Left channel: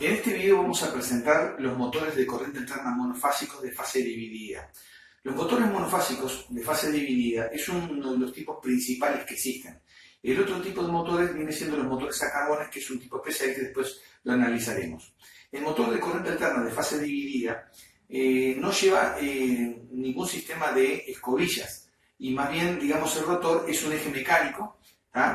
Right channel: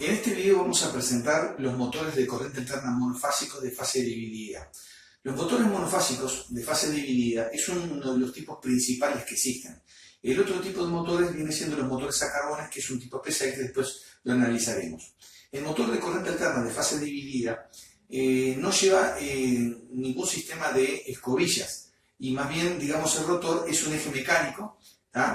En este video vamos a presentar los motores de corriente alterna monofásicos de fase dividida. Los motores monofásicos de fase dividida es uno de los tipos principales que existen. El otro tipo de motores viene siendo los motores a carbones, que es un tipo especial que después lo analizaremos. El motor de corriente alterna de fase dividida no lleva ningún sistema de escobillas y más bien, digamos, el rotor es un eje mecánico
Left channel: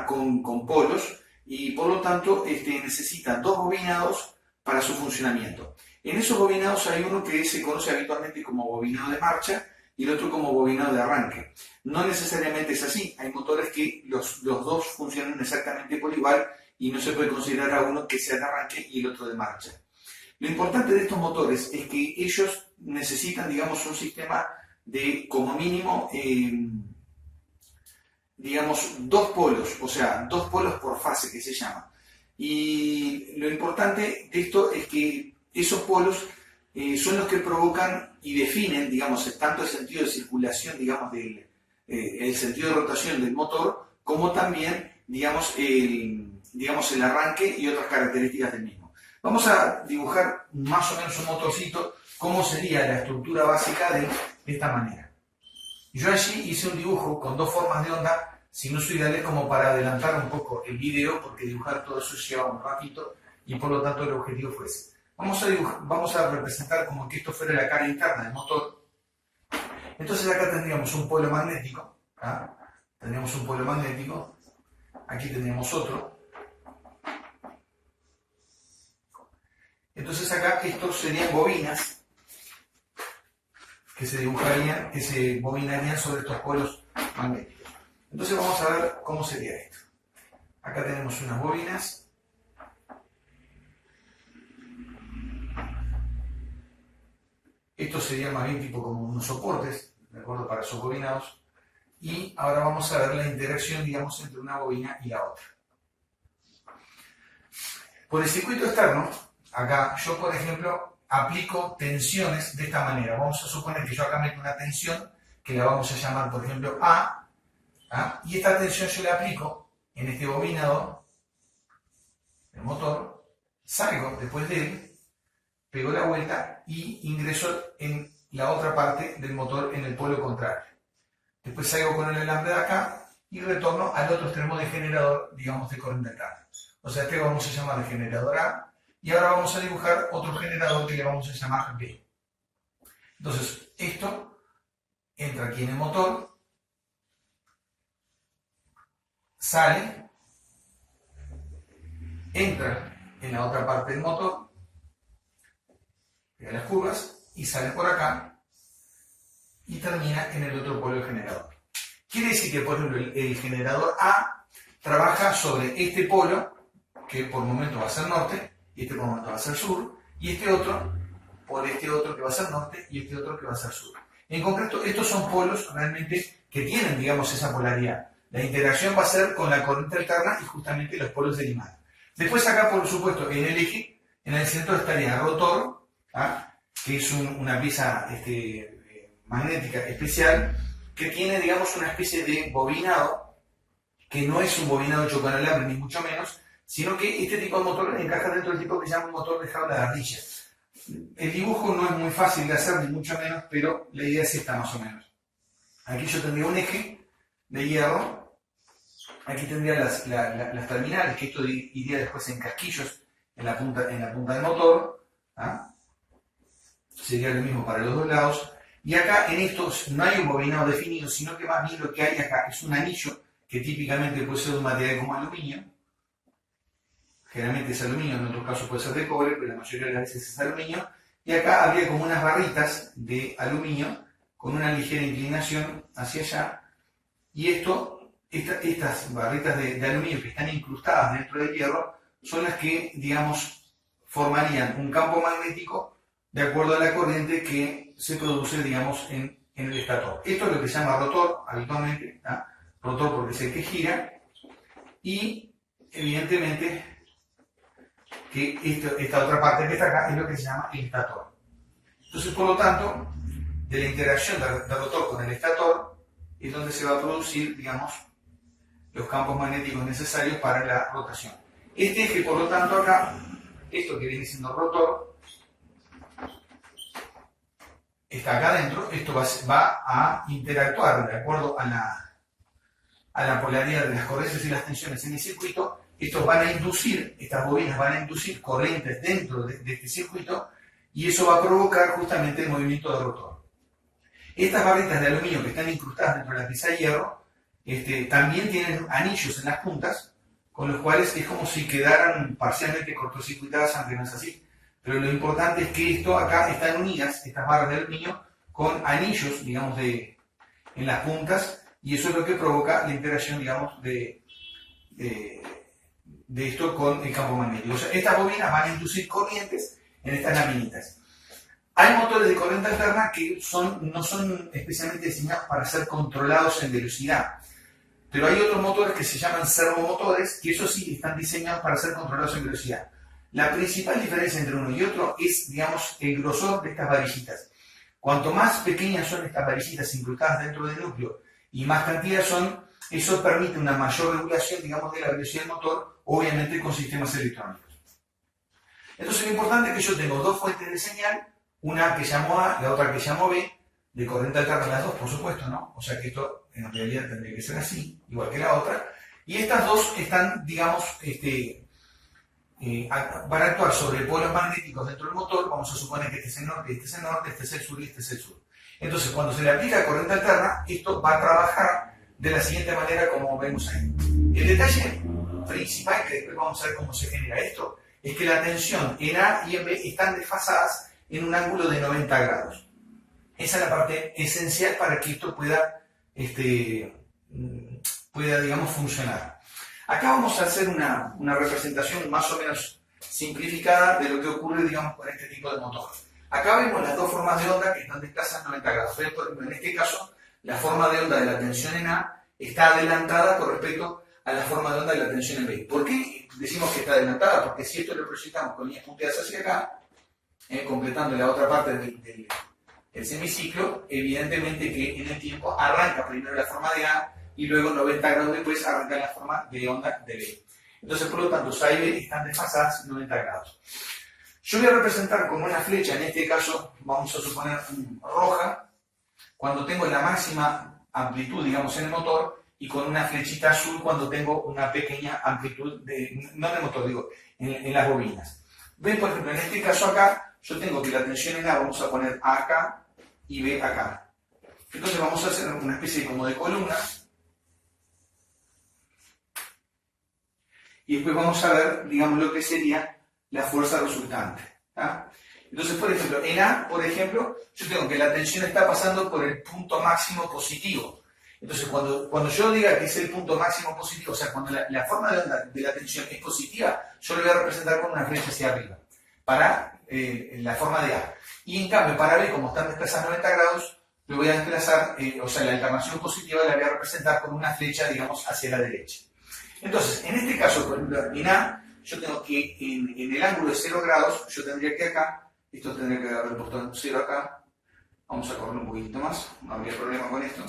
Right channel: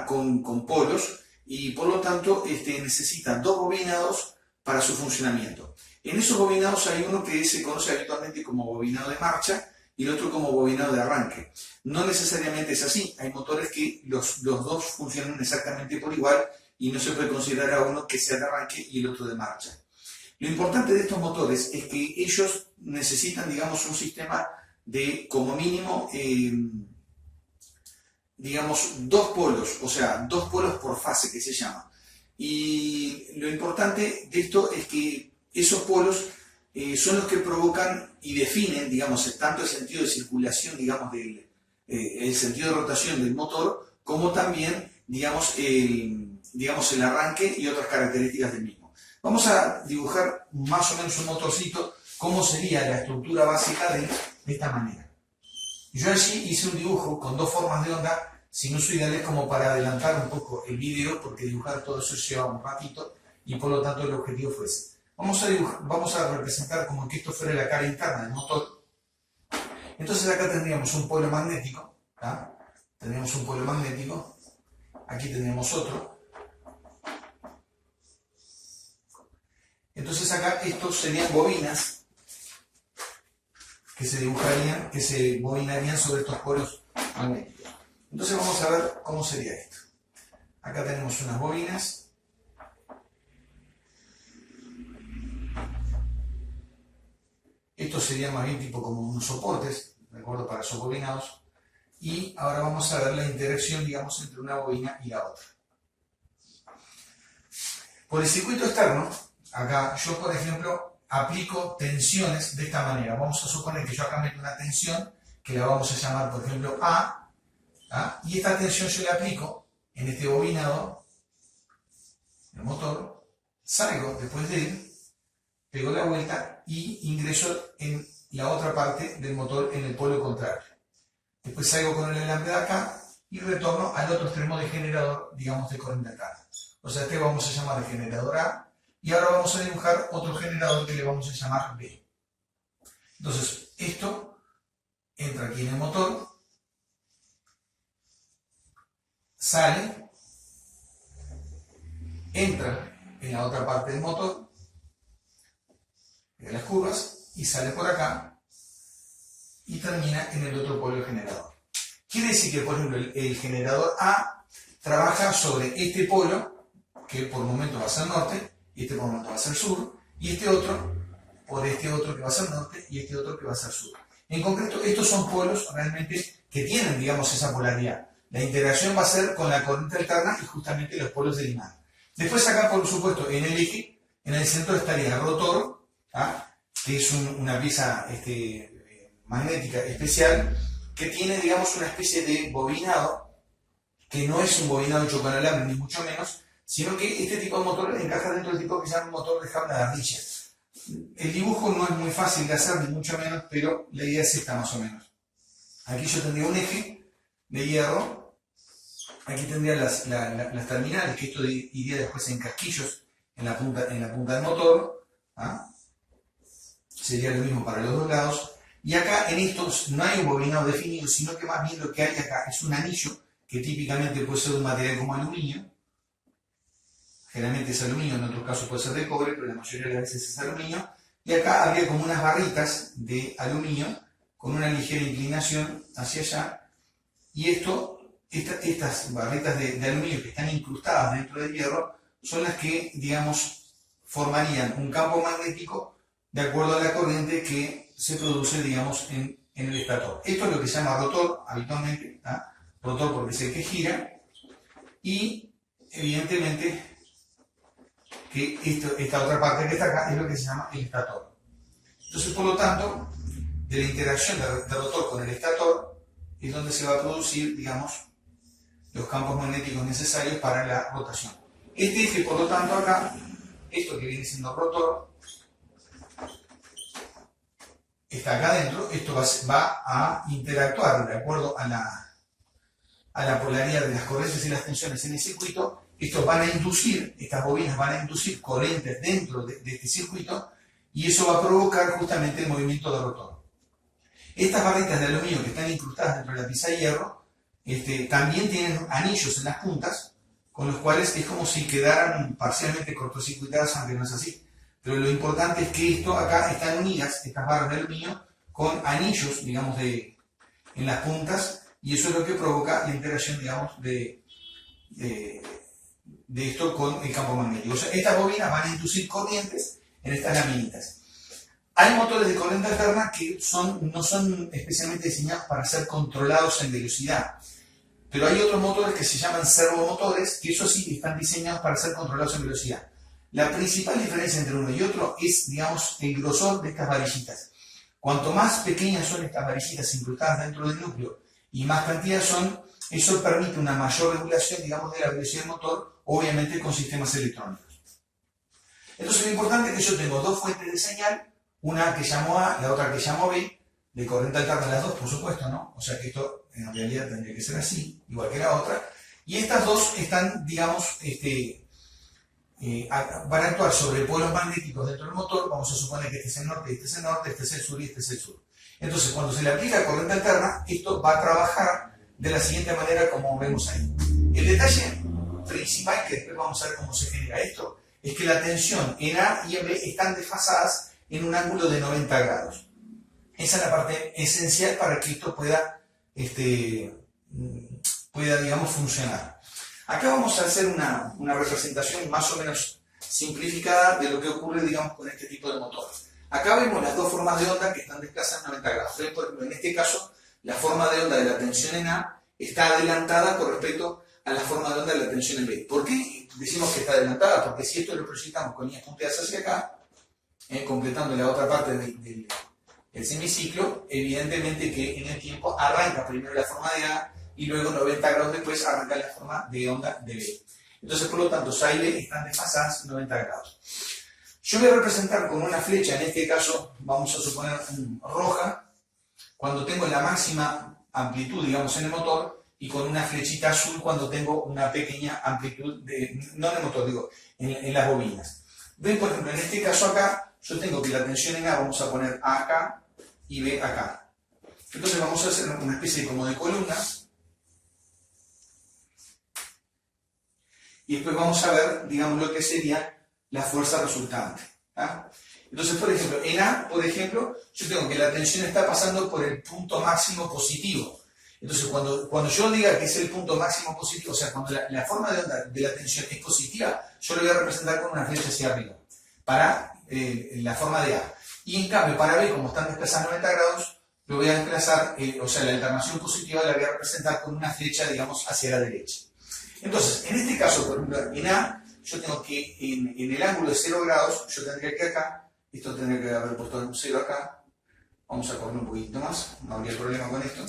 con polos y por lo tanto necesita dos bobinados para su funcionamiento. En esos bobinados hay uno que se conoce habitualmente como bobinado de marcha y el otro como bobinado de arranque. No necesariamente es así, hay motores que los dos funcionan exactamente por igual y no se puede considerar a uno que sea de arranque y el otro de marcha. Lo importante de estos motores es que ellos necesitan, digamos, un sistema de como mínimo, digamos, dos polos, o sea, dos polos por fase que se llama. Y lo importante de esto es que esos polos son los que provocan y definen, digamos, tanto el sentido de circulación, digamos, el sentido de rotación del motor, como también, digamos, el arranque y otras características del mismo. Vamos a dibujar más o menos un motorcito, cómo sería la estructura básica de esta manera. Yo allí hice un dibujo con dos formas de onda sinusoidales como para adelantar un poco el video, porque dibujar todo eso lleva un ratito y por lo tanto el objetivo fue ese. Vamos a representar como que esto fuera la cara interna del motor. Entonces acá tendríamos un polo magnético, tendríamos un polo magnético, aquí tendríamos otro. Entonces acá estos serían bobinas que se dibujarían, que se bobinarían sobre estos polos magnéticos. Entonces vamos a ver cómo sería esto. Acá tenemos unas bobinas. Estos serían más bien tipo como unos soportes, ¿de acuerdo? Para esos bobinados. Y ahora vamos a ver la interacción, digamos, entre una bobina y la otra. Por el circuito externo, acá yo, por ejemplo, aplico tensiones de esta manera. Vamos a suponer que yo acá meto una tensión que la vamos a llamar, por ejemplo, A. Y esta tensión yo la aplico en este bobinador, el motor, salgo después de él, pego la vuelta y ingreso en la otra parte del motor en el polo contrario. Después salgo con el alambre de acá y retorno al otro extremo del generador, digamos, de corriente alterna. O sea, este vamos a llamar el generador A y ahora vamos a dibujar otro generador que le vamos a llamar B. Entonces, esto entra aquí en el motor, sale, entra en la otra parte del motor, pega las curvas y sale por acá y termina en el otro polo del generador. Quiere decir que, por ejemplo, el generador A trabaja sobre este polo, que por momento va a ser norte, y este por momento va a ser sur, y este otro por este otro que va a ser norte, y este otro que va a ser sur. En concreto, estos son polos realmente que tienen, digamos, esa polaridad. La interacción va a ser con la corriente alterna y justamente los polos del imán. Después acá, por supuesto, en el eje, en el centro estaría el rotor, que es una pieza magnética especial, que tiene, digamos, una especie de bobinado, que no es un bobinado hecho con alambre, ni mucho menos, sino que este tipo de motor encaja dentro del tipo que se llama un motor de jaula de ardilla. El dibujo no es muy fácil de hacer, ni mucho menos, pero la idea es esta más o menos. Aquí yo tendría un eje de hierro, aquí tendría las terminales, que esto iría después en casquillos en la punta del motor, sería lo mismo para los dos lados, y acá en estos no hay un bobinado definido, sino que más bien lo que hay acá es un anillo, que típicamente puede ser de un material como aluminio, generalmente es aluminio, en otros casos puede ser de cobre, pero la mayoría de las veces es aluminio, y acá habría como unas barritas de aluminio, con una ligera inclinación hacia allá, y estas barritas de aluminio que están incrustadas dentro del hierro son las que, digamos, formarían un campo magnético de acuerdo a la corriente que se produce, digamos, en el estator. Esto es lo que se llama rotor habitualmente, rotor porque es el que gira, y evidentemente que esta otra parte que está acá es lo que se llama el estator. Entonces, por lo tanto, de la interacción del rotor con el estator es donde se va a producir, digamos, los campos magnéticos necesarios para la rotación. Este eje, por lo tanto, acá esto que viene siendo rotor está acá adentro, esto va a interactuar de acuerdo a la polaridad de las corrientes y las tensiones en el circuito. Estos van a inducir, estas bobinas van a inducir corrientes dentro de este circuito y eso va a provocar justamente el movimiento del rotor. Estas barritas de aluminio que están incrustadas dentro de la pieza de hierro también tienen anillos en las puntas, con los cuales es como si quedaran parcialmente cortocircuitadas, aunque no es así. Pero lo importante es que esto acá están unidas, estas barras de aluminio, con anillos, digamos, en las puntas, y eso es lo que provoca la interacción, digamos, de esto con el campo magnético. O sea, estas bobinas van a inducir corrientes en estas laminitas. Hay motores de corriente alterna que no son especialmente diseñados para ser controlados en velocidad, pero hay otros motores que se llaman servomotores, que eso sí están diseñados para ser controlados en velocidad. La principal diferencia entre uno y otro es, digamos, el grosor de estas varillitas. Cuanto más pequeñas son estas varillitas incrustadas dentro del núcleo y más cantidad son, eso permite una mayor regulación, digamos, de la velocidad del motor, obviamente con sistemas electrónicos. Entonces lo importante es que yo tengo dos fuentes de señal, una que llamo A, la otra que llamo B, de corriente alterna las dos, por supuesto, ¿no? O sea que esto en realidad tendría que ser así, igual que la otra. Y estas dos están, digamos, van a actuar sobre polos magnéticos dentro del motor. Vamos a suponer que este es el norte, este es el norte, este es el sur y este es el sur. Entonces, cuando se le aplica corriente alterna, esto va a trabajar de la siguiente manera como vemos ahí. El detalle principal, que después vamos a ver cómo se genera esto, es que la tensión en A y en B están desfasadas en un ángulo de 90 grados. Esa es la parte esencial para que esto pueda, digamos, funcionar. Acá vamos a hacer una representación más o menos simplificada de lo que ocurre, digamos, con este tipo de motor. Acá vemos las dos formas de onda que están desplazadas 90 grados. Por ejemplo, en este caso, la forma de onda de la tensión en A está adelantada con respecto a la forma de onda de la tensión en B. ¿Por qué decimos que está adelantada? Porque si esto lo proyectamos con líneas punteadas hacia acá, completando la otra parte del semiciclo, evidentemente que en el tiempo arranca primero la forma de A y luego 90 grados después arranca la forma de onda de B. Entonces, por lo tanto, A y B están desfasadas 90 grados. Yo voy a representar con una flecha, en este caso vamos a suponer roja, cuando tengo la máxima amplitud, digamos, en el motor, y con una flechita azul cuando tengo una pequeña amplitud, no en el motor, digo, en las bobinas. Ven, por ejemplo, en este caso acá, yo tengo que la tensión en A vamos a poner A acá y B acá. Entonces vamos a hacer una especie como de columna. Y después vamos a ver, digamos, lo que sería la fuerza resultante. ¿Ah? Entonces, por ejemplo, en A, por ejemplo, yo tengo que la tensión está pasando por el punto máximo positivo. Entonces, cuando yo diga que es el punto máximo positivo, o sea, cuando la forma de onda de la tensión es positiva, yo lo voy a representar con una flecha hacia arriba, para la forma de A. Y en cambio, para B, como están desplazados 90 grados, lo voy a desplazar, o sea, la alternación positiva la voy a representar con una flecha, digamos, hacia la derecha. Entonces, en este caso, por ejemplo, en A, yo tengo que, en el ángulo de 0 grados, yo tendría que acá, esto tendría que haber puesto un 0 acá, vamos a correr un poquito más, no habría problema con esto.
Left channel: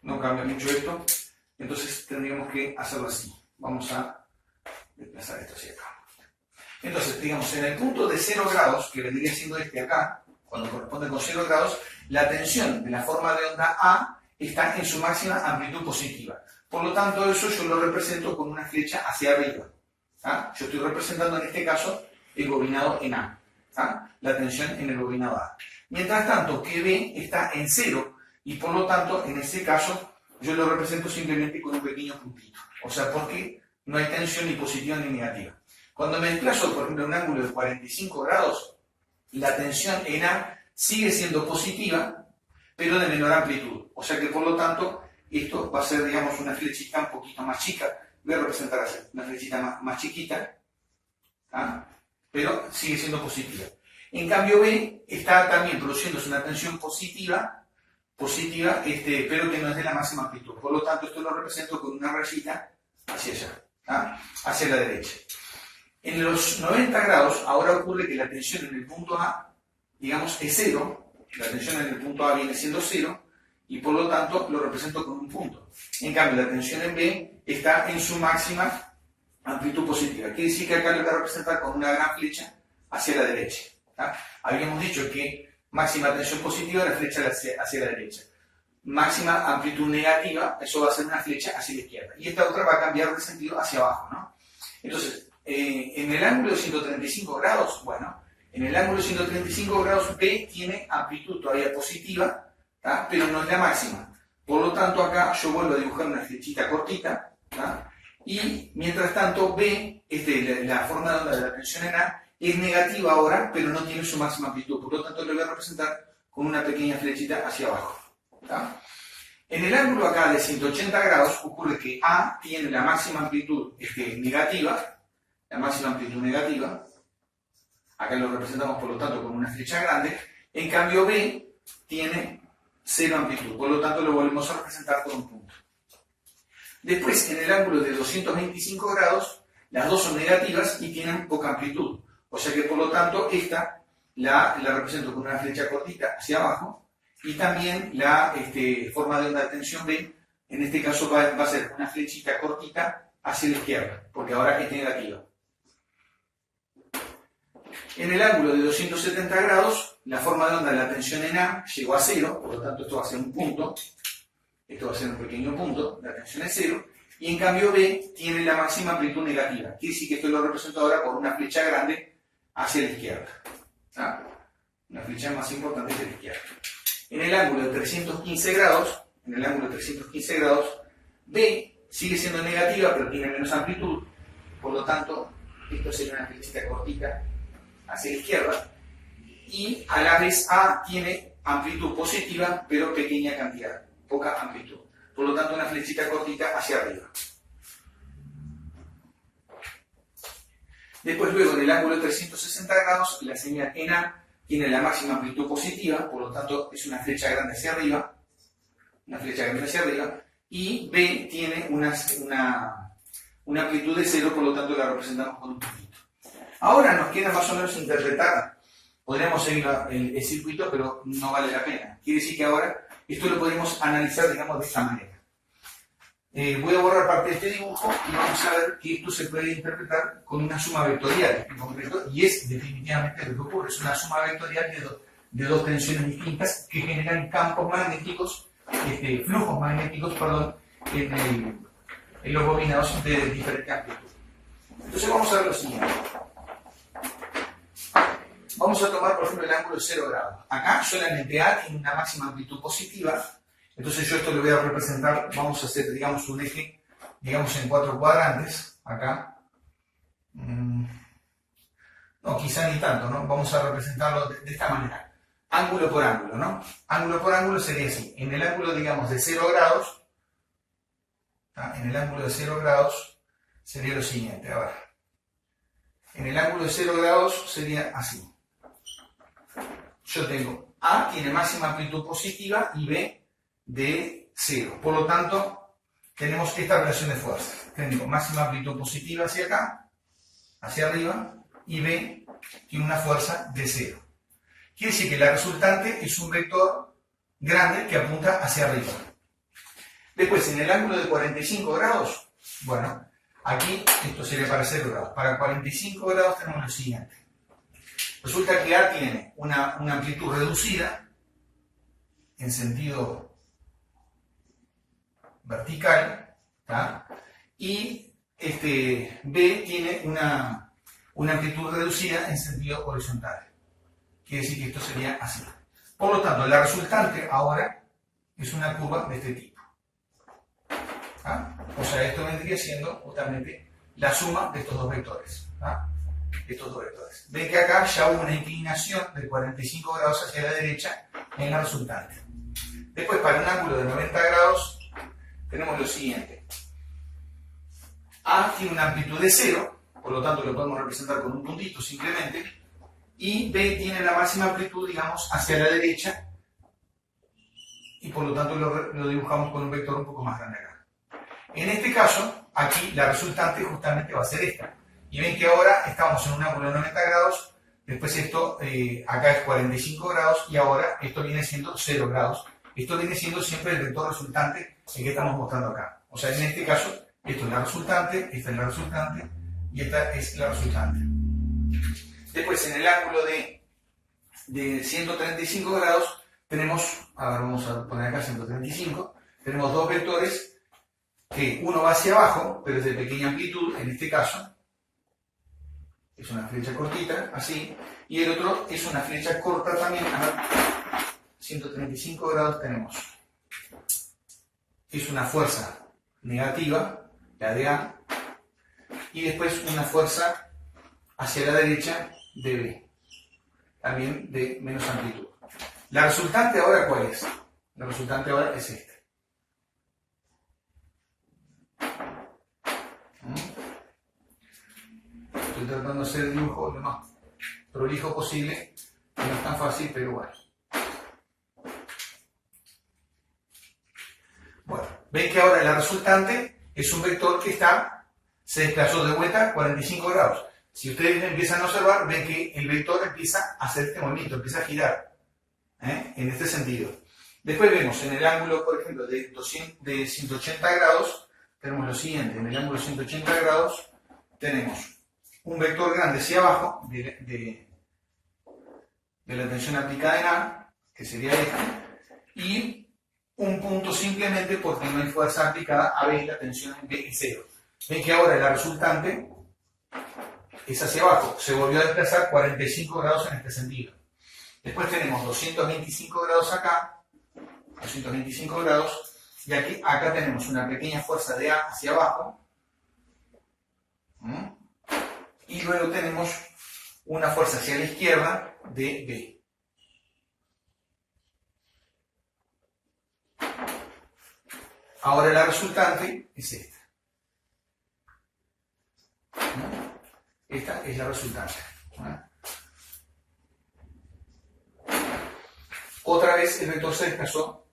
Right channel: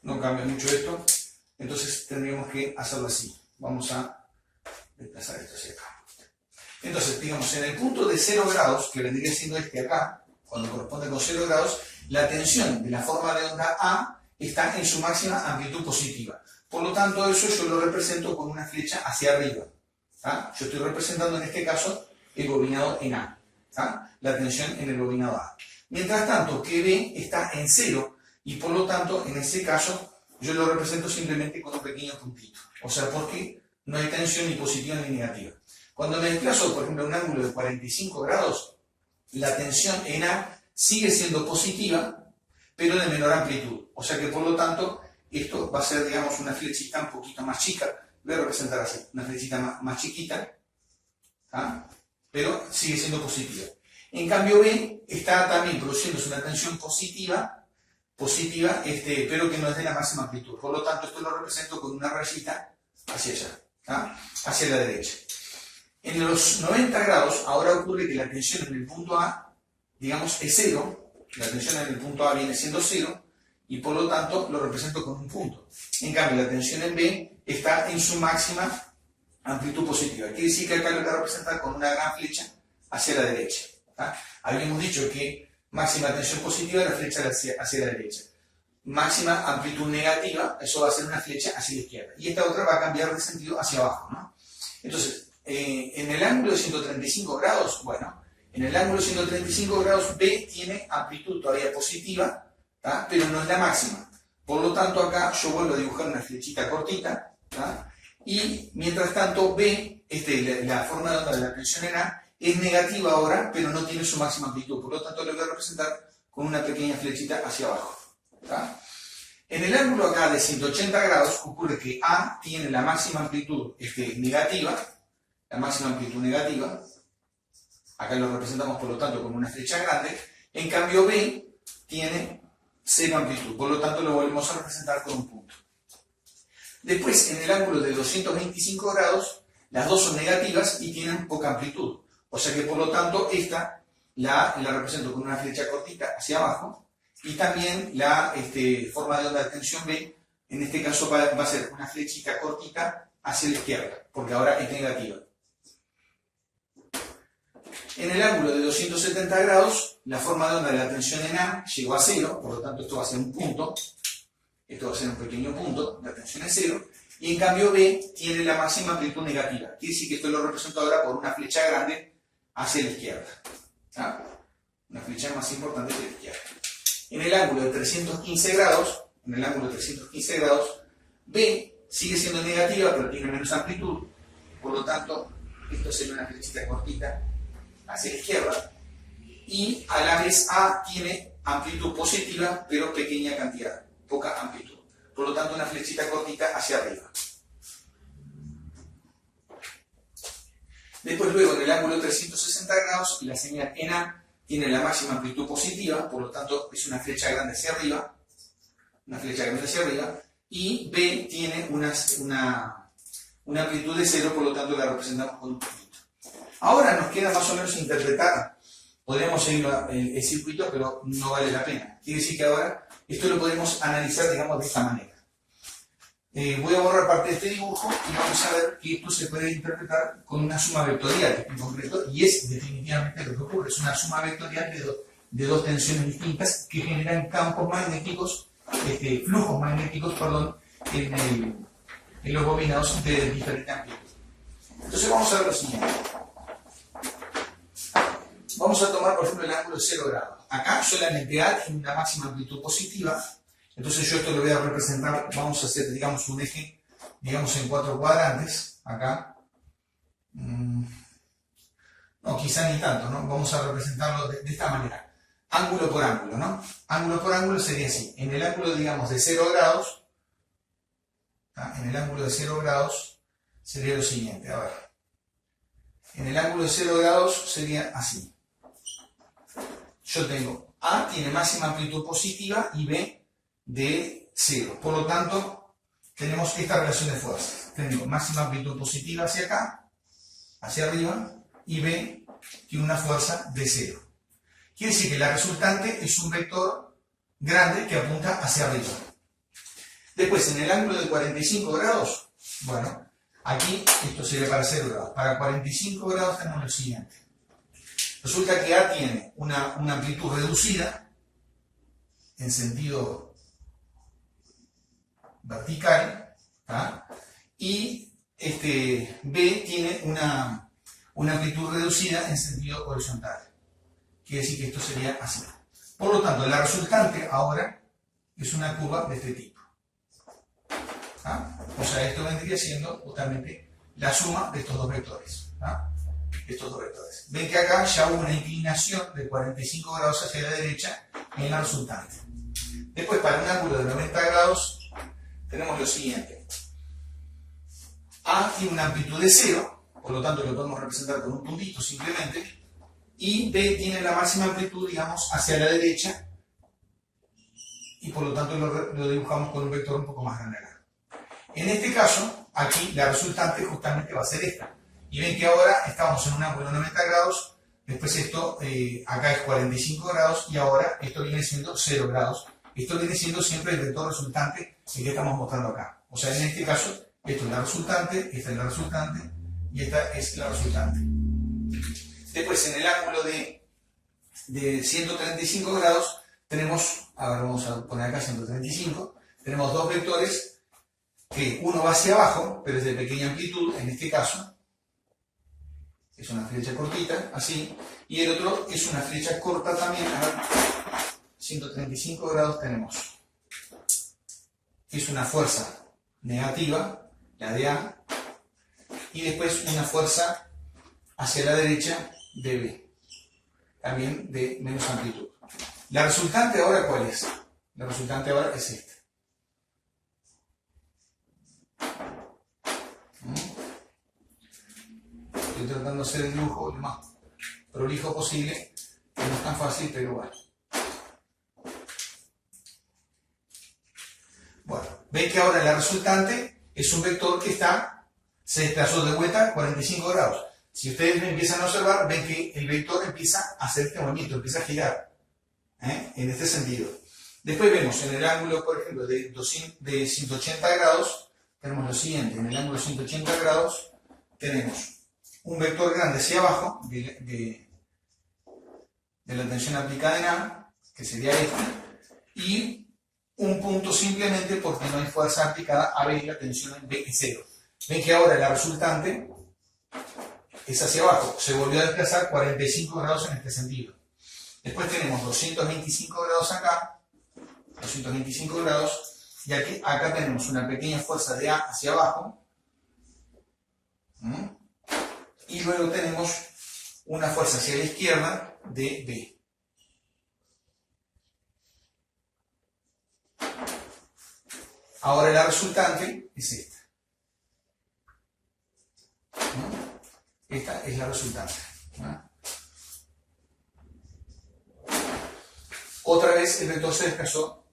No cambia mucho esto, entonces tendríamos que hacerlo así. Vamos a desplazar esto hacia acá. Entonces, digamos, en el punto de 0 grados, que vendría siendo este acá, cuando corresponde con 0 grados, la tensión de la forma de onda A está en su máxima amplitud positiva. Por lo tanto, eso yo lo represento con una flecha hacia arriba. ¿Ah? Yo estoy representando en este caso el bobinado en A. ¿Ah? La tensión en el bobinado A. Mientras tanto, que B está en 0 y por lo tanto, en ese caso, yo lo represento simplemente con un pequeño puntito. O sea, porque no hay tensión ni positiva ni negativa. Cuando me desplazo, por ejemplo, a un ángulo de 45 grados, la tensión en A sigue siendo positiva, pero de menor amplitud. O sea que, por lo tanto, esto va a ser, digamos, una flechita un poquito más chica. Voy a representar así, una flechita más chiquita, ¿ah? Pero sigue siendo positiva. En cambio, B está también produciéndose una tensión positiva, pero que no es de la máxima amplitud. Por lo tanto, esto lo represento con una rayita hacia allá, ¿ah? Hacia la derecha. En los 90 grados, ahora ocurre que la tensión en el punto A, digamos, es 0. La tensión en el punto A viene siendo 0. y por lo tanto lo represento con un punto. En cambio, la tensión en B está en su máxima amplitud positiva. Quiere decir que acá lo voy a representar con una gran flecha hacia la derecha. ¿Tá? Habíamos dicho que máxima tensión positiva, la flecha hacia la derecha. Máxima amplitud negativa, eso va a ser una flecha hacia la izquierda. Y esta otra va a cambiar de sentido hacia abajo, ¿no? Entonces, en el ángulo de 135 grados, bueno, en el ángulo de 135 grados B tiene amplitud todavía positiva, ¿tá? Pero no es la máxima. Por lo tanto, acá yo vuelvo a dibujar una flechita cortita, ¿tá? Y mientras tanto, B, la forma de onda de la tensión en A, es negativa ahora, pero no tiene su máxima amplitud. Por lo tanto, lo voy a representar con una pequeña flechita hacia abajo. ¿Tá? En el ángulo acá de 180 grados ocurre que A tiene la máxima amplitud negativa, acá lo representamos por lo tanto con una flecha grande, en cambio B tiene cero amplitud, por lo tanto lo volvemos a representar con un punto. Después, en el ángulo de 225 grados, las dos son negativas y tienen poca amplitud, o sea que por lo tanto esta la represento con una flecha cortita hacia abajo, y también la forma de onda de tensión B, en este caso va a ser una flechita cortita hacia la izquierda, porque ahora es negativa. En el ángulo de 270 grados, la forma de onda de la tensión en A llegó a cero, por lo tanto esto va a ser un punto, esto va a ser un pequeño punto, la tensión es cero, y en cambio B tiene la máxima amplitud negativa. Quiere decir que esto lo represento ahora por una flecha grande hacia la izquierda. ¿Ah? Una flecha más importante hacia la izquierda. En el ángulo de 315 grados, B sigue siendo negativa, pero tiene menos amplitud, por lo tanto, esto sería una flechita cortita hacia la izquierda, y a la vez A tiene amplitud positiva, pero pequeña cantidad, poca amplitud, por lo tanto una flechita cortita hacia arriba. Después luego en el ángulo de 360 grados, la señal en A tiene la máxima amplitud positiva, por lo tanto es una flecha grande hacia arriba, y B tiene una amplitud de cero, por lo tanto la representamos con un puntito. Ahora nos queda más o menos interpretar, podríamos seguir el circuito, pero no vale la pena. Quiere decir que ahora esto lo podemos analizar, digamos, de esta manera. Voy a borrar parte de este dibujo y vamos a ver que esto se puede interpretar con una suma vectorial en concreto, y es definitivamente lo que ocurre, es una suma vectorial de dos tensiones distintas que generan campos magnéticos, flujos magnéticos, en los bobinados de diferente amplitud. Entonces vamos a ver lo siguiente. Vamos a tomar, por ejemplo, el ángulo de 0 grados. Acá solamente A tiene una máxima amplitud positiva. Entonces yo esto lo voy a representar, vamos a hacer, digamos, un eje, digamos, en 4 cuadrantes, acá. No, quizá ni tanto, ¿no? Vamos a representarlo de esta manera. Ángulo por ángulo, ¿no? Ángulo por ángulo sería así. En el ángulo, digamos, de 0 grados, ¿tá? En el ángulo de 0 grados sería lo siguiente, a ver. En el ángulo de 0 grados sería así. Yo tengo A tiene máxima amplitud positiva y B de 0. Por lo tanto, tenemos esta relación de fuerzas. Tengo máxima amplitud positiva hacia acá, hacia arriba, y B tiene una fuerza de 0. Quiere decir que la resultante es un vector grande que apunta hacia arriba. Después, en el ángulo de 45 grados, bueno, aquí esto sería para 0 grados. Para 45 grados tenemos lo siguiente. Resulta que A tiene una amplitud reducida en sentido vertical, ¿tá? Y B tiene una amplitud reducida en sentido horizontal. Quiere decir que esto sería así. Por lo tanto, la resultante ahora es una curva de este tipo. ¿Ah? O sea, esto vendría siendo justamente la suma de estos dos vectores. ¿Ah? Ven que acá ya hubo una inclinación de 45 grados hacia la derecha en la resultante. Después, para un ángulo de 90 grados, tenemos lo siguiente. A tiene una amplitud de 0, por lo tanto lo podemos representar con un puntito simplemente, y B tiene la máxima amplitud, digamos, hacia la derecha, y por lo tanto lo dibujamos con un vector un poco más grande acá. En este caso, aquí la resultante justamente va a ser esta. Y ven que ahora estamos en un ángulo de 90 grados, después esto acá es 45 grados, y ahora esto viene siendo 0 grados esto viene siendo siempre el vector resultante el que estamos mostrando acá. O sea, en este caso, esto es la resultante, esta es la resultante y esta es la resultante. Después, en el ángulo de 135 grados, tenemos, ahora vamos a poner acá 135, tenemos dos vectores que uno va hacia abajo, pero es de pequeña amplitud, en este caso, es una flecha cortita, así, y el otro es una flecha corta también, a ver, 135 grados tenemos, es una fuerza negativa, la de A, y después una fuerza hacia la derecha de B, también de menos amplitud. La resultante ahora, ¿cuál es? La resultante ahora es esta. Estoy tratando de hacer el dibujo lo más prolijo posible, no es tan fácil, pero bueno. Bueno, ven que ahora la resultante es un vector que se desplazó de vuelta 45 grados. Si ustedes empiezan a observar, ven que el vector empieza a hacer este movimiento, empieza a girar, en este sentido. Después vemos en el ángulo, por ejemplo, de 180 grados, tenemos lo siguiente: en el ángulo de 180 grados tenemos un vector grande hacia abajo de la tensión aplicada en A, que sería este, y un punto simplemente porque no hay fuerza aplicada a B, la tensión en B es 0. Ven que ahora la resultante es hacia abajo, se volvió a desplazar 45 grados en este sentido. Después tenemos 225 grados acá, 225 grados, y aquí, acá tenemos una pequeña fuerza de A hacia abajo, y luego tenemos una fuerza hacia la izquierda de B. Ahora la resultante es esta. Esta es la resultante. Otra vez el vector se desplazó,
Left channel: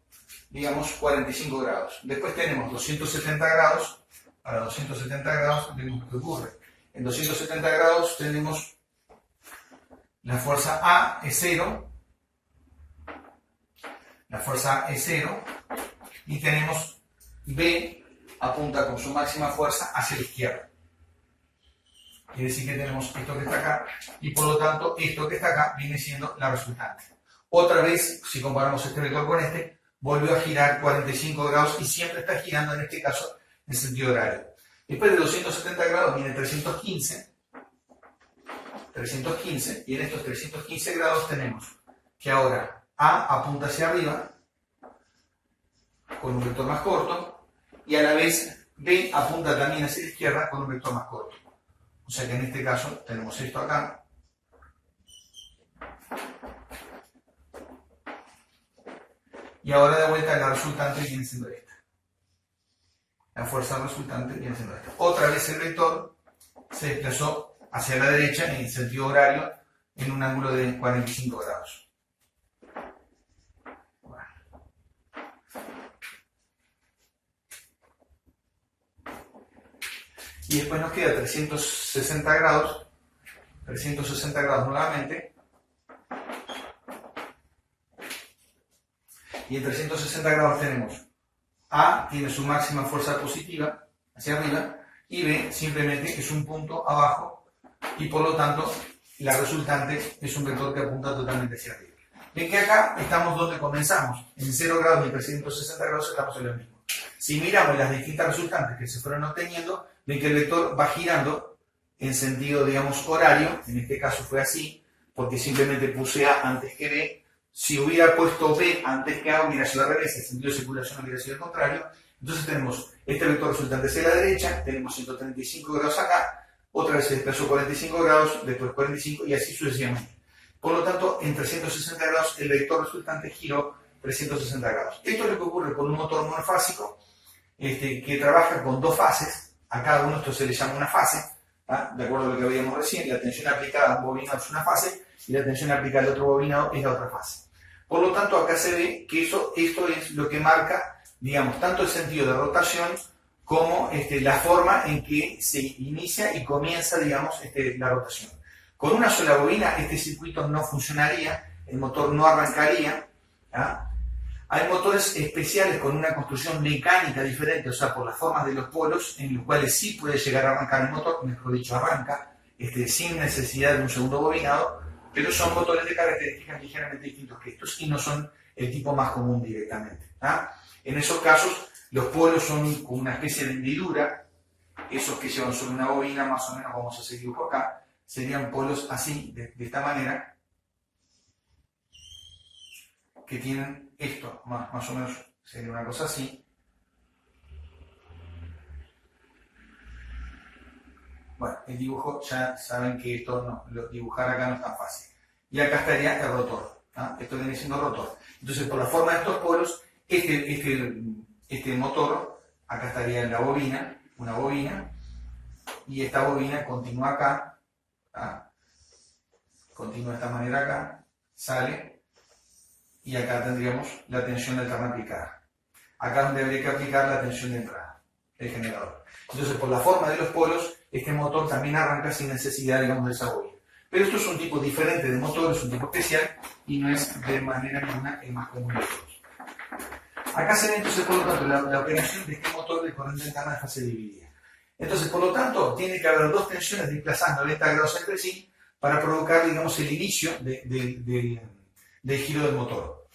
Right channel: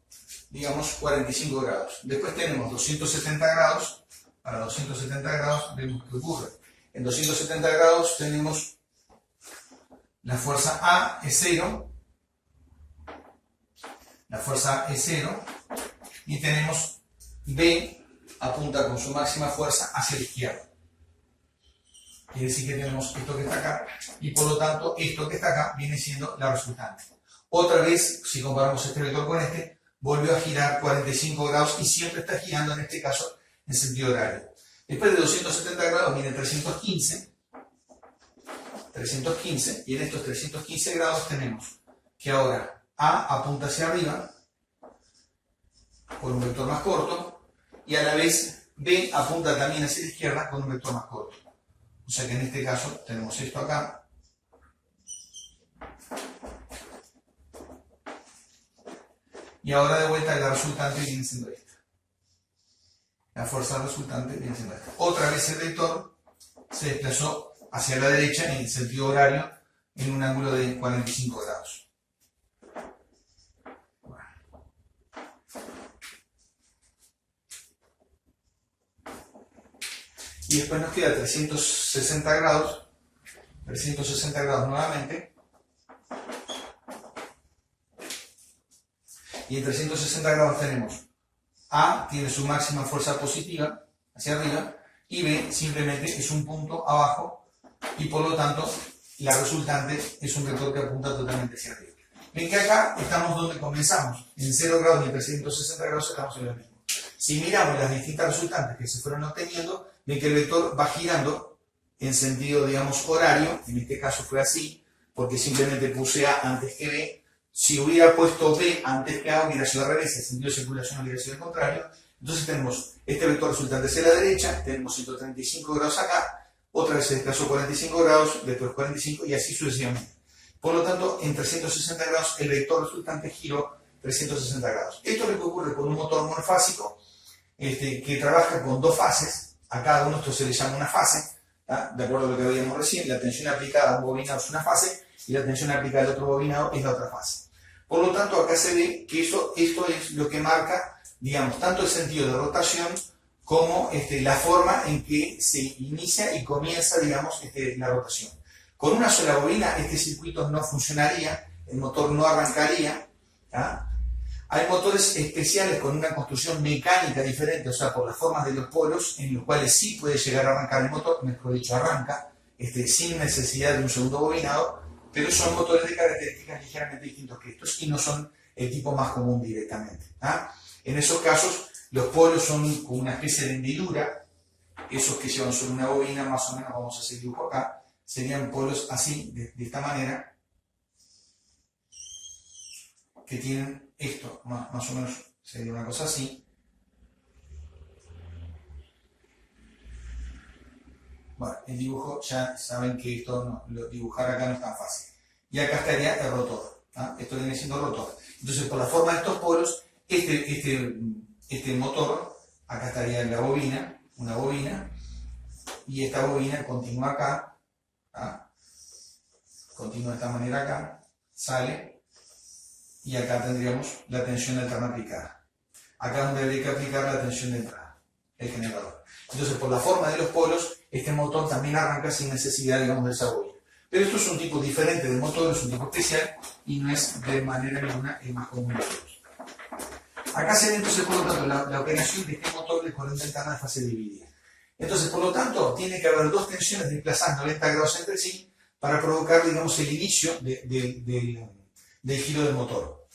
digamos, 45 grados. Después tenemos 270 grados. Para 270 grados vemos qué ocurre. En 270 grados tenemos la fuerza A es 0. La fuerza A es 0. Y tenemos B apunta con su máxima fuerza hacia la izquierda. Quiere decir que tenemos esto que está acá, y por lo tanto esto que está acá viene siendo la resultante. Otra vez, si comparamos este vector con este, volvió a girar 45 grados y siempre está girando, en este caso, en sentido horario. Después de 270 grados viene 315, y en estos 315 grados tenemos que ahora A apunta hacia arriba con un vector más corto, y a la vez B apunta también hacia la izquierda con un vector más corto. O sea que en este caso tenemos esto acá. Y ahora de vuelta la resultante viene siendo esta. La fuerza resultante viene siendo esta. Otra vez el vector se desplazó hacia la derecha en el sentido horario en un ángulo de 45 grados. Bueno. Y después nos queda 360 grados nuevamente. Y en 360 grados tenemos A tiene su máxima fuerza positiva hacia arriba, y B simplemente es un punto abajo, y por lo tanto la resultante es un vector que apunta totalmente hacia arriba. Ven que acá estamos donde comenzamos, en 0 grados y en 360 grados estamos en lo mismo. Si miramos las distintas resultantes que se fueron obteniendo, ven que el vector va girando en sentido, digamos, horario. En este caso fue así, porque simplemente puse A antes que B. Si hubiera puesto B antes que A, hubiera sido al revés, el sentido de circulación hubiera sido el contrario. Entonces tenemos este vector resultante hacia la derecha, tenemos 135 grados acá, otra vez se desplazó 45 grados, después 45 y así sucesivamente. Por lo tanto, en 360 grados el vector resultante giró 360 grados. Esto es lo que ocurre con un motor monofásico que trabaja con dos fases. A cada uno esto se le llama una fase, ¿tá? De acuerdo a lo que veíamos recién, la tensión aplicada a un bobinado es una fase y la tensión aplicada al otro bobinado es la otra fase. Por lo tanto, acá se ve que esto es lo que marca, digamos, tanto el sentido de rotación como la forma en que se inicia y comienza, digamos, la rotación. Con una sola bobina este circuito no funcionaría, el motor no arrancaría, ¿ah? Hay motores especiales con una construcción mecánica diferente, o sea, por las formas de los polos, en los cuales sí puede llegar a arrancar el motor, mejor dicho, arranca, sin necesidad de un segundo bobinado, pero son motores de características ligeramente distintos que estos y no son el tipo más común directamente. En esos casos, los polos son como una especie de hendidura, esos que llevan sobre una bobina, más o menos, vamos a hacer dibujo acá, serían polos así, de esta manera, que tienen esto, más o menos sería una cosa así. Bueno, el dibujo ya saben que esto dibujar acá no es tan fácil. Y acá estaría el rotor. Esto viene siendo el rotor. Entonces, por la forma de estos polos, este motor, acá estaría en la bobina, una bobina, y esta bobina continúa acá, continúa de esta manera acá, sale, y acá tendríamos la tensión alterna aplicada. Acá es donde habría que aplicar la tensión de entrada, el generador. Entonces, por la forma de los polos, este motor también arranca sin necesidad, digamos, de esa bobina. Pero esto es un tipo diferente de motor, es un tipo especial, y no es de manera ninguna el más común de todos. Acá se ve entonces, por lo tanto, la operación de este motor de corriente alterna de fase dividida. Entonces, por lo tanto, tiene que haber dos tensiones desplazando 90 grados entre sí para provocar, digamos, el inicio del giro del motor.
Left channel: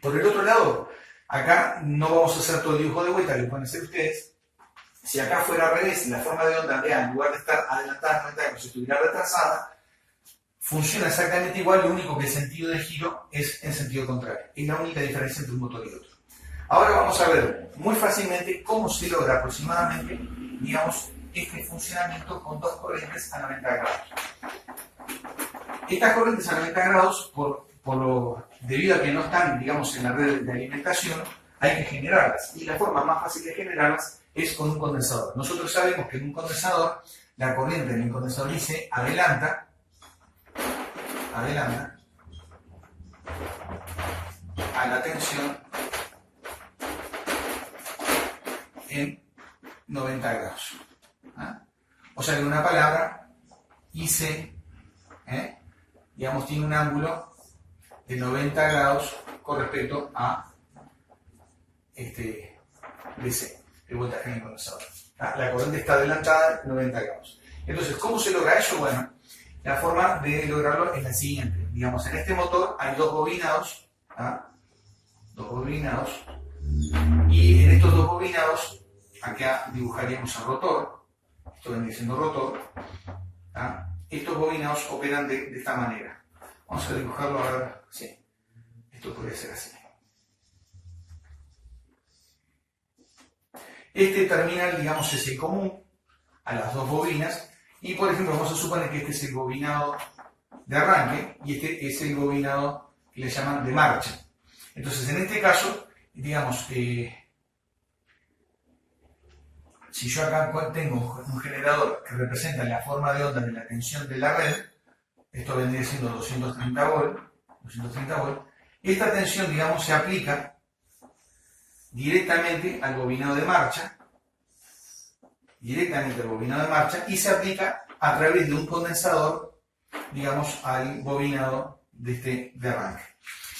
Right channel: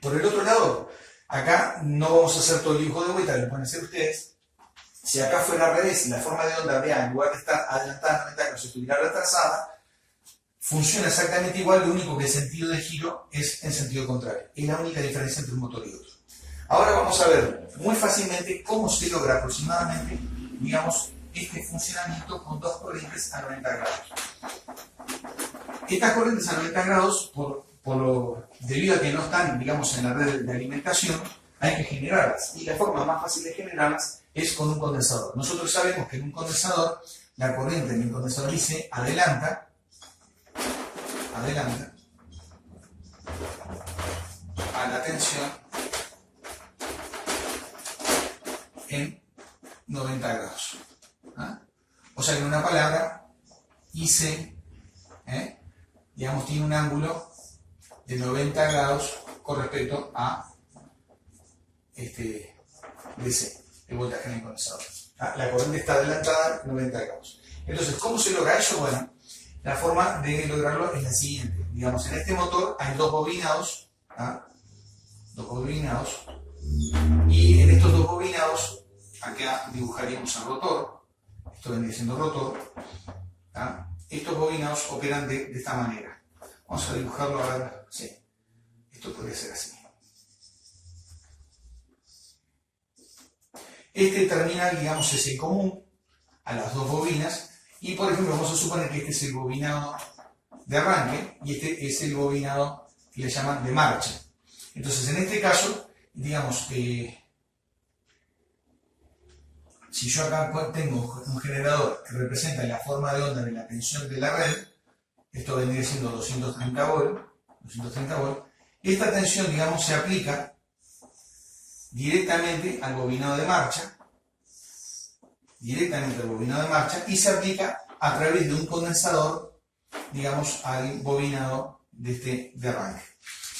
Por el otro lado, acá no vamos a hacer todo el dibujo de vuelta, lo pueden hacer ustedes. Si acá fuera al revés, la forma de onda de A, en lugar de estar adelantada 90 grados, estuviera retrasada, funciona exactamente igual, lo único que el sentido de giro es en sentido contrario. Es la única diferencia entre un motor y otro. Ahora vamos a ver muy fácilmente cómo se logra aproximadamente, digamos, este funcionamiento con dos corrientes a 90 grados. Estas corrientes a 90 grados, debido a que no están, digamos, en la red de alimentación, hay que generarlas. Y la forma más fácil de generarlas es con un condensador. Nosotros sabemos que en un condensador, la corriente del condensador IC adelanta a la tensión en 90 grados. O sea que en una palabra, IC, digamos, tiene un ángulo de 90 grados con respecto a DC, el voltaje en el condensador. La corriente está adelantada 90 grados. Entonces, ¿cómo se logra eso? Bueno, la forma de lograrlo es la siguiente. Digamos, en este motor hay dos bobinados, y en estos dos bobinados, acá dibujaríamos el rotor, esto vendría siendo rotor, estos bobinados operan de esta manera. Vamos a dibujarlo ahora, sí, esto podría ser así. Este terminal, digamos, es el común a las dos bobinas, y por ejemplo vamos a suponer que este es el bobinado de arranque y este es el bobinado que le llaman de marcha. Entonces, en este caso, digamos, si yo acá tengo un generador que representa la forma de onda de la tensión de la red, esto vendría siendo 230 volt, y esta tensión, digamos, se aplica directamente al bobinado de marcha, y se aplica a través de un condensador, digamos, al bobinado de arranque.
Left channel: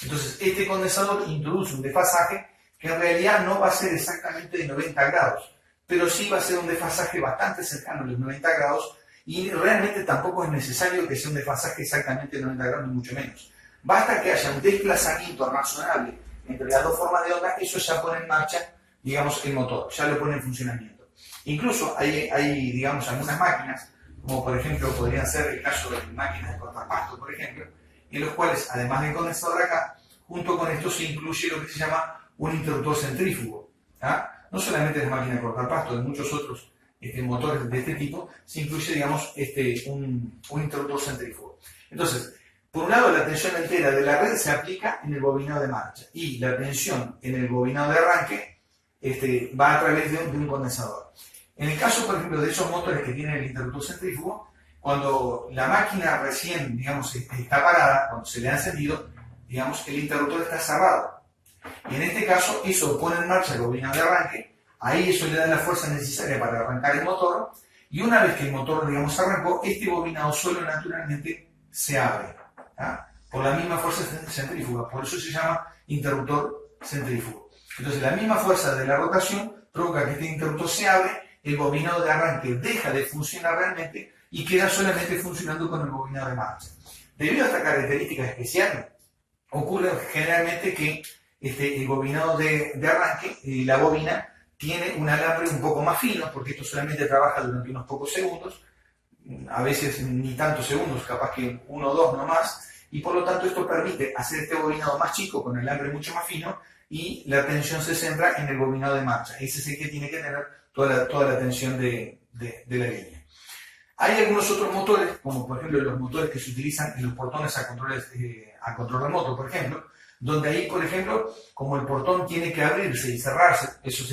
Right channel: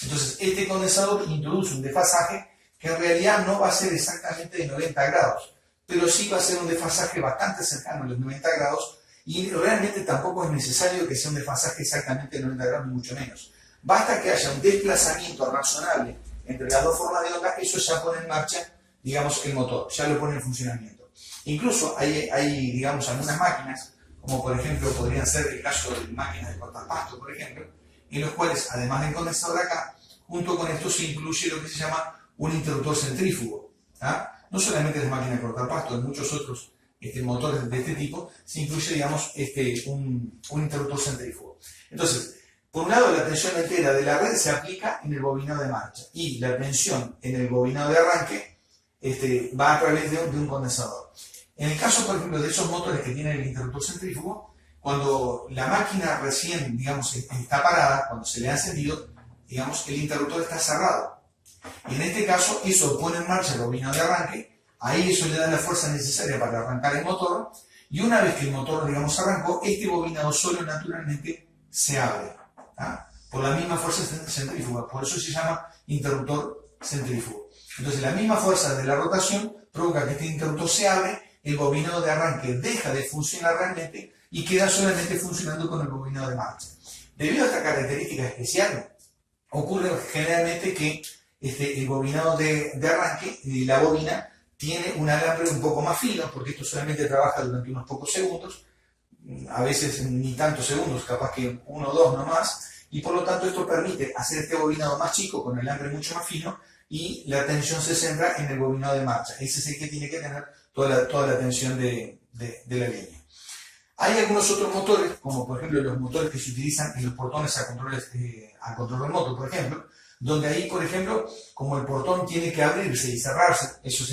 Entonces, este condensador introduce un desfasaje que en realidad no va a ser exactamente de 90 grados, pero sí va a ser un desfasaje bastante cercano a los 90 grados, y realmente tampoco es necesario que sea un desfasaje exactamente de 90 grados, ni mucho menos. Basta que haya un desplazamiento razonable entre las dos formas de onda, eso ya pone en marcha, digamos, el motor, ya lo pone en funcionamiento. Incluso hay, digamos, algunas máquinas, como por ejemplo podrían ser el caso de máquinas de cortar pasto, por ejemplo, en los cuales, además del condensador acá, junto con esto se incluye lo que se llama un interruptor centrífugo. No solamente en las máquinas de cortar pasto, en muchos otros motores de este tipo, se incluye, digamos, un interruptor centrífugo. Entonces, por un lado, la tensión entera de la red se aplica en el bobinado de marcha, y la tensión en el bobinado de arranque va a través de un condensador. En el caso, por ejemplo, de esos motores que tienen el interruptor centrífugo, cuando la máquina recién, digamos, está parada, cuando se le ha encendido, digamos, el interruptor está cerrado. Y en este caso, eso pone en marcha el bobinado de arranque, ahí eso le da la fuerza necesaria para arrancar el motor, y una vez que el motor, digamos, arrancó, este bobinado solo naturalmente se abre, por la misma fuerza centrífuga. Por eso se llama interruptor centrífugo. Entonces la misma fuerza de la rotación provoca que este interruptor se abre, el bobinado de arranque deja de funcionar realmente y queda solamente funcionando con el bobinado de marcha. Debido a esta característica especial, ocurre generalmente que el bobinado de arranque, la bobina, tiene un alambre un poco más fino, porque esto solamente trabaja durante unos pocos segundos, a veces ni tantos segundos, capaz que 1 o 2 nomás, y por lo tanto esto permite hacer este bobinado más chico con el alambre mucho más fino y la tensión se centra en el bobinado de marcha. Ese es el que tiene que tener toda la tensión de la línea. Hay algunos otros motores, como por ejemplo los motores que se utilizan en los portones a control remoto, por ejemplo, donde ahí, por ejemplo, como el portón tiene que abrirse y cerrarse, eso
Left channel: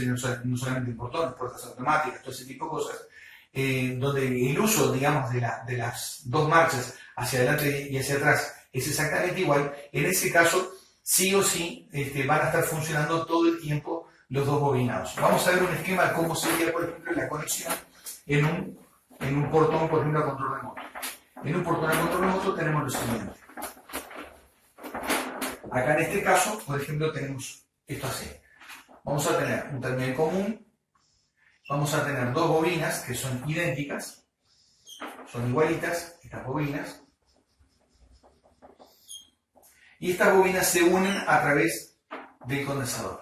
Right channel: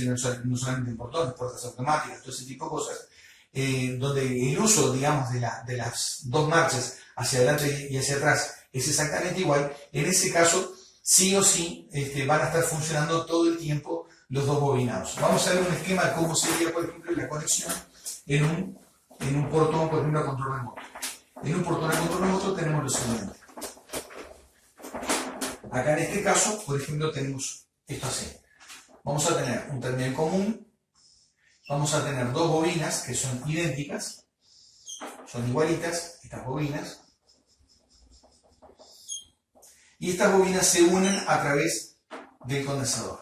no solamente en portones, puertas automáticas, todo ese tipo de cosas, donde el uso, digamos, de las dos marchas hacia adelante y hacia atrás es exactamente igual, en ese caso, sí o sí, van a estar funcionando todo el tiempo los dos bobinados. Vamos a ver un esquema de cómo sería, por ejemplo, la conexión en un portón, por ejemplo, a control remoto. En un portón a control remoto tenemos lo siguiente. Acá en este caso, por ejemplo, tenemos esto así. Vamos a tener un terminal común, vamos a tener dos bobinas que son idénticas, son igualitas, estas bobinas, y estas bobinas se unen a través del condensador.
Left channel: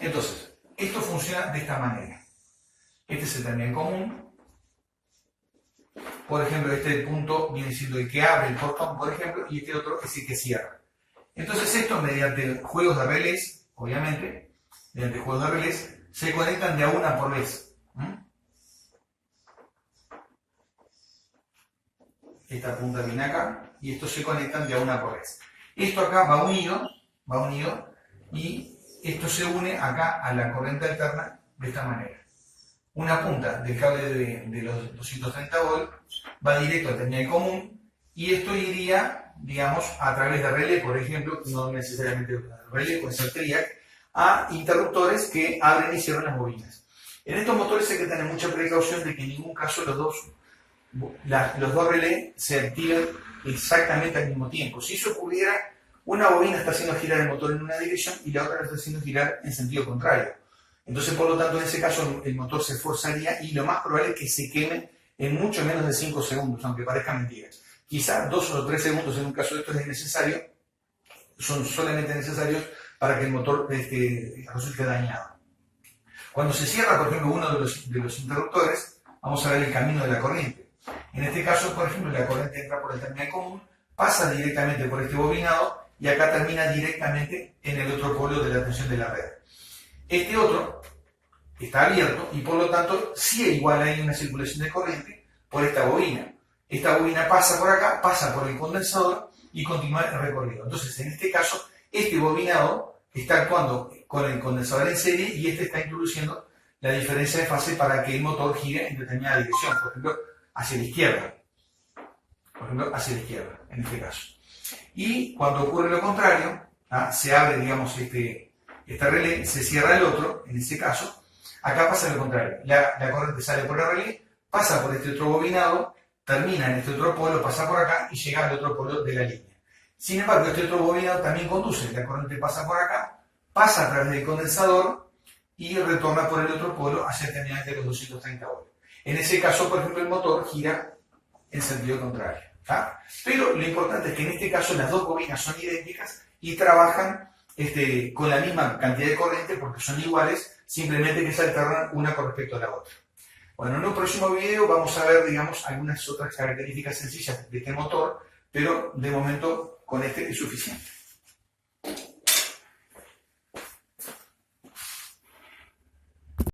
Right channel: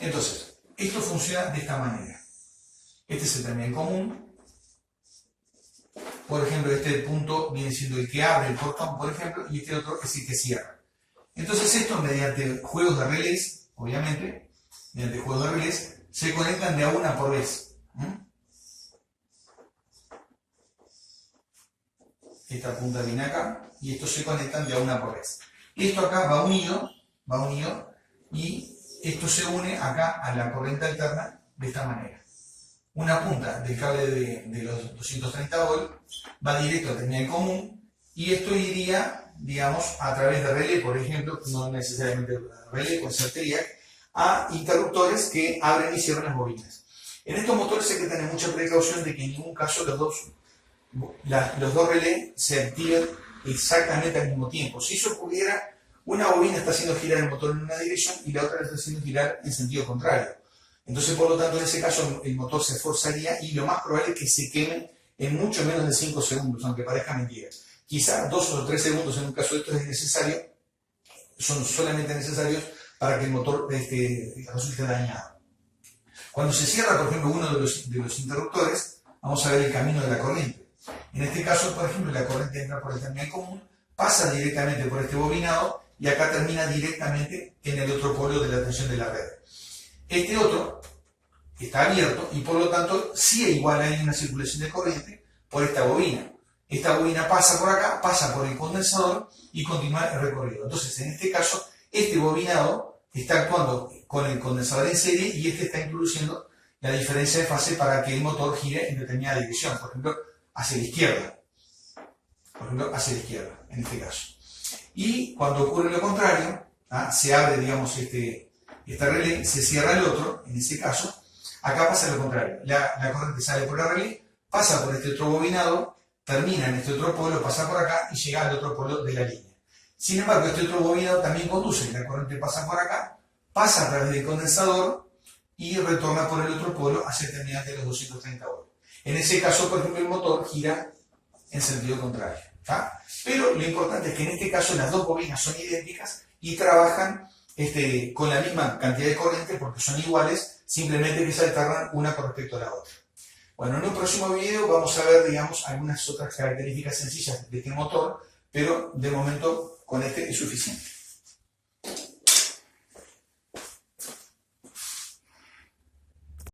Entonces, esto funciona de esta manera. Este es el terminal común. Por ejemplo, este punto viene siendo el que abre el portón, por ejemplo, y este otro es el que cierra. Entonces esto, mediante juegos de relés, obviamente, mediante juegos de relés, se conectan de a una por vez. Esta punta viene acá, y estos se conectan de a una por vez. Esto acá va unido, y esto se une acá a la corriente alterna de esta manera. Una punta del cable de los 230 volts va directo al terminal común y esto iría, digamos, a través de relé, por ejemplo, no necesariamente relé, puede ser triac, a interruptores que abren y cierran las bobinas. En estos motores hay que tener mucha precaución de que en ningún caso los dos relés se activen exactamente al mismo tiempo. Si eso ocurriera, una bobina está haciendo girar el motor en una dirección y la otra la está haciendo girar en sentido contrario. Entonces, por lo tanto, en ese caso el motor se esforzaría y lo más probable es que se queme en mucho menos de 5 segundos, aunque parezca mentira. Quizás 2 o 3 segundos en un caso de estos es necesario, son solamente necesarios para que el motor resulte dañado. Cuando se cierra, por ejemplo, uno de los interruptores, vamos a ver el camino de la corriente. En este caso, por ejemplo, la corriente entra por el terminal común, pasa directamente por este bobinado y acá termina directamente en el otro polo de la tensión de la red. Este otro está abierto y por lo tanto sí igual hay una circulación de corriente por esta bobina. Esta bobina pasa por acá, pasa por el condensador y continúa el recorrido. Entonces, en este caso, este bobinado está actuando con el condensador en serie y este está introduciendo la diferencia de fase para que el motor gire en determinada dirección, por ejemplo, hacia la izquierda. En este caso. Y cuando ocurre lo contrario, se abre, digamos, este relé, se cierra el otro, en ese caso, acá pasa lo contrario. La corriente sale por el relé, pasa por este otro bobinado, termina en este otro polo, pasa por acá y llega al otro polo de la línea. Sin embargo, este otro bobinado también conduce, la corriente pasa por acá, pasa a través del condensador y retorna por el otro polo hacia el terminal de los 230 volts. En ese caso, por ejemplo, el motor gira en sentido contrario. Pero lo importante es que en este caso las dos bobinas son idénticas y trabajan con la misma cantidad de corriente porque son iguales, simplemente que se alternan una con respecto a la otra. Bueno, en un próximo video vamos a ver, digamos, algunas otras características sencillas de este motor, pero de momento con este es suficiente.